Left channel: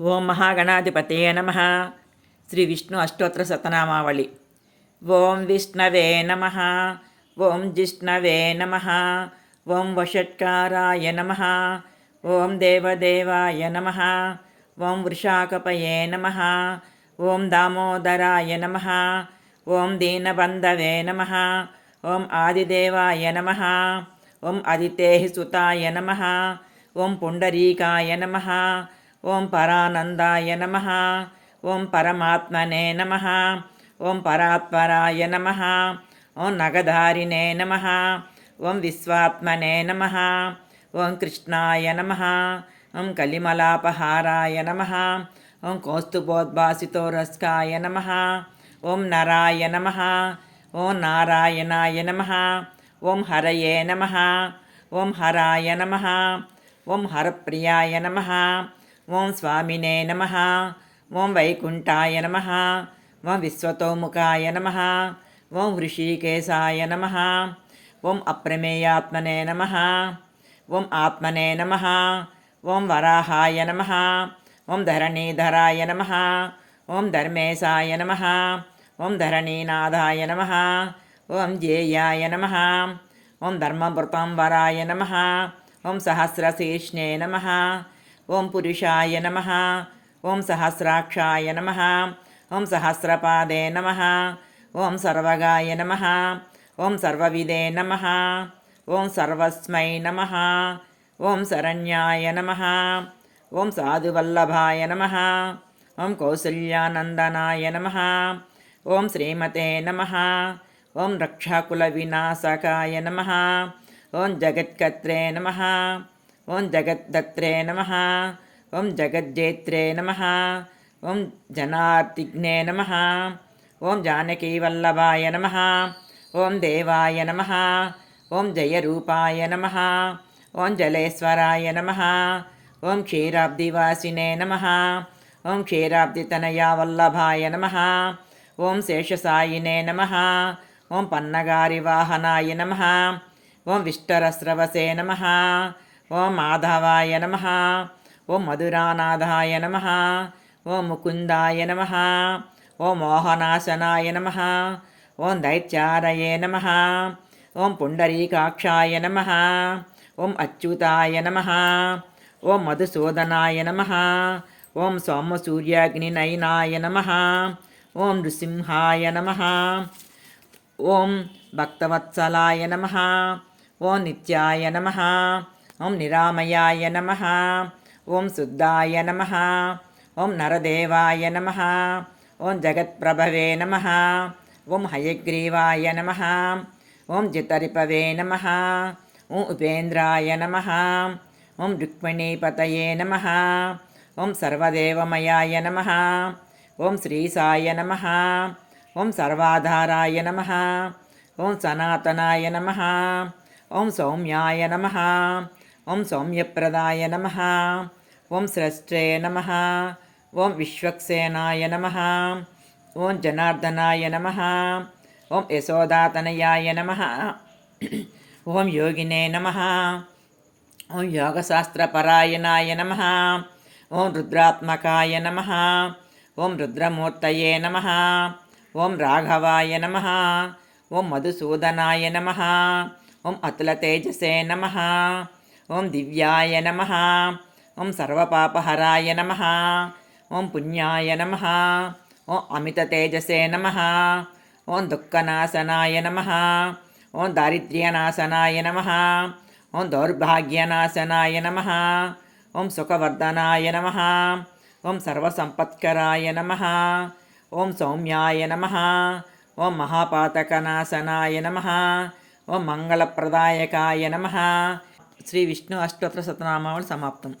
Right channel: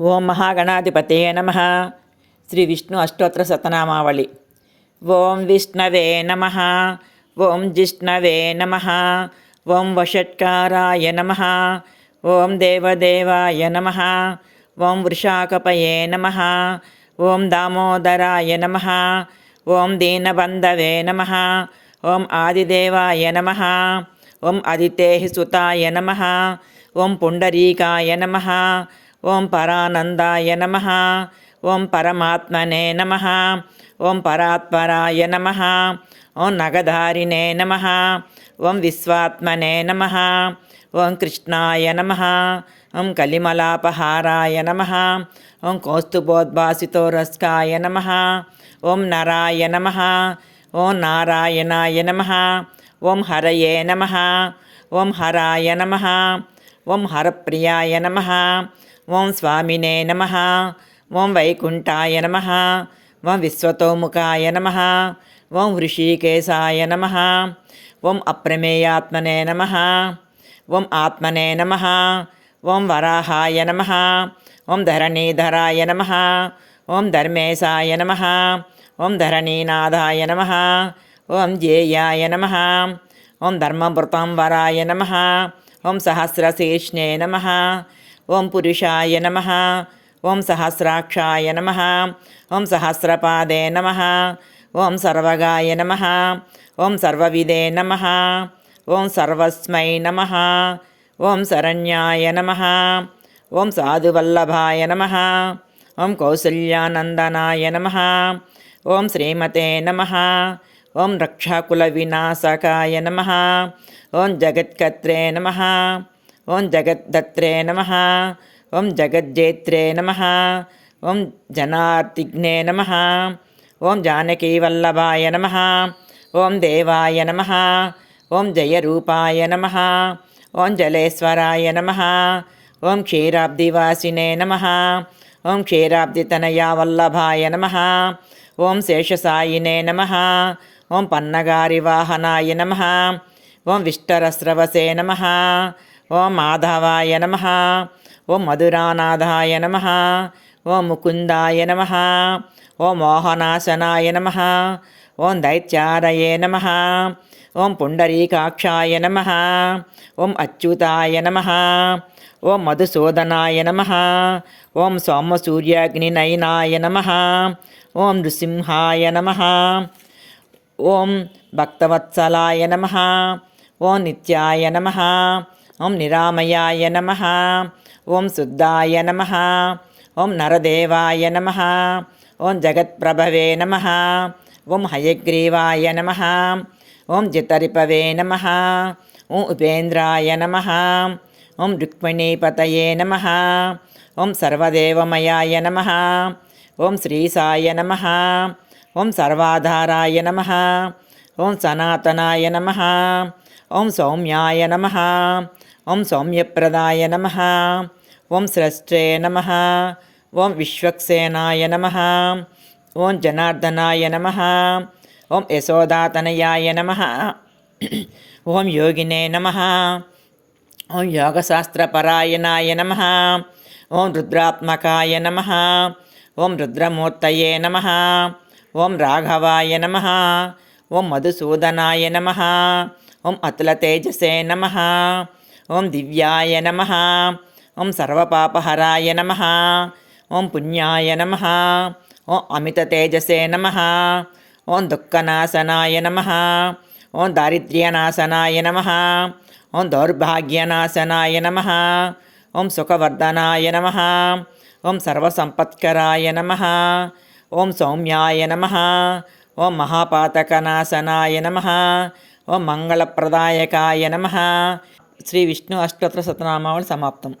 ఓం మహాగణాధిపతయే నమః. శ్రీ విష్ణు అష్టోత్తర శతనామావళి. ఓం విష్ణవే నమః. ఓం జిష్ణవే నమః. ఓం వషట్కారాయ నమః. ఓం దేవదేవాయ నమః. ఓం వృషాకపయే నమః. ఓం దామోదరాయ నమః. ఓం దీనబంధవే నమః. ఓం ఆదిదేవాయ నమః. ఓం అదితేహి సుతాయ నమః. ఓం పుండరీకాయ నమః. ఓం పరానందాయ నమః. ఓం పరమాత్మనే నమః. ఓం పరాత్పరాయ నమః. ఓం నగధారిణే నమః. ఓం విశ్వాత్మనే నమః. ఓం కృష్ణాయ నమః. ఓం కలిమలాపహారాయ నమః. ఓం కౌస్తుభోద్భాసితోరస్కాయ నమః. ఓం నరాయ నమః. ఓం నారాయణాయ నమః. ఓం హరయే నమః. ఓం హరాయ నమః. ఓం హరప్రియాయ నమః. ఓం స్వామినే నమః. ఓం వైకుంఠాయ నమః. ఓం విశ్వతోముఖాయ నమః. ఓం హృషీకేశాయ నమః. ఓం అప్రమేయాత్మనే నమః. ఓం ఆత్మనే నమః. ఓం వరాహాయ నమః. ఓం ధరణీధరాయ నమః. ఓం ధర్మేశాయ నమః. ఓం ధరణీనాథాయ నమః. ఓం జేయాయ నమః. ఓం ధర్మభృతం వరాయ నమః. ఓం సహస్రశీర్ష్ణే నమః. ఓం పురుషాయ నమః. ఓం సహస్రాక్షాయ నమః. ఓం సహస్రపాదే నమః. ఓం సర్వగాయ నమః. ఓం సర్వవిదే నమః. ఓం సర్వస్మై నమః. ఓం శరణ్యాయ నమః. ఓం సాధువల్లభాయ నమః. ఓం కౌసల్యానందనాయ నమః. ఓం శ్రీమతే నమః. ఓం రక్షాకుల వినాశకాయ నమః. ఓం జగత్కర్త్రే నమః. ఓం జగద్దత్రే నమః. ఓం జగజ్జేత్రే నమః. ఓం జనార్తిఘ్నే నమః. ఓం జానకీవల్లభాయ నమః. ఓం దేవాయ నమః. ఓం జయరూపాయ నమః. ఓం జలేశ్వరాయ నమః. ఓం క్షీరాబ్దివాసినే నమః. ఓం క్షీరాబ్దితనయావల్లభాయ నమః. ఓం శేషసాయినే నమః. ఓం పన్నగారివాహనాయ నమః. ఓం విష్టరస్రవసే నమః. ఓం మాధవాయ నమః. ఓం మధురానాథాయ నమః. ఓం ముకుందాయ నమః. ఓం మోహనాశనాయ నమః. ఓం దైత్యారయే నమః. ఓం పుండరీకాక్షాయ నమః. ఓం అచ్యుతాయ నమః. ఓం మధుసూదనాయ నమః. ఓం సోమసూర్యాగ్నినయనాయ నమః. ఓం నృసింహాయ నమః. ఓం భక్తవత్సలాయ నమః. ఓం నిత్యాయ నమః. ఓం నిరామయాయ నమః. ఓం శుద్ధాయ నమః. ఓం నరదేవాయ నమః. ఓం జగత్ప్రభవే నమః. ఓం హయగ్రీవాయ నమః. ఓం జితరిపవే నమః. ఓం ఉపేంద్రాయ నమః. ఓం రుక్మిణీపతయే నమః. ఓం సర్వదేవమయాయ నమః. ఓం శ్రీసాయ నమః. ఓం సర్వాధారాయ నమః. ఓం సనాతనాయ నమః. ఓం సౌమ్యాయ నమః. ఓం సౌమ్యప్రదాయ నమః. ఓం స్రష్ట్రే నమః. ఓం విశ్వక్సేనాయ నమః. ఓం జనార్దనాయ నమః. ఓం యశోదాతనయాయ నమః. ఓం యోగినే నమః. ఓం యోగశాస్త్రపరాయణాయ నమః. ఓం రుద్రాత్మకాయ నమః. ఓం రుద్రమూర్తయే నమః. ఓం రాఘవాయ నమః. ఓం మధుసూదనాయ నమః. ఓం అతులతేజసే నమః. ఓం దివ్యాయ నమః. ఓం సర్వపాపహరాయ నమః. ఓం పుణ్యాయ నమః. ఓం అమితతేజసే నమః. ఓం దుఃఖనాశనాయ నమః. ఓం దారిద్ర్యనాశనాయ నమః. ఓం దౌర్భాగ్యనాశనాయ నమః. ఓం సుఖవర్ధనాయ నమః. ఓం సర్వసంపత్కరాయ నమః. ఓం సౌమ్యాయ నమః. ఓం మహాపాతకనాశనాయ నమః. ఓం మంగళప్రదాయకాయ నమః. శ్రీ విష్ణు అష్టోత్తర శతనామావళి సమాప్తం.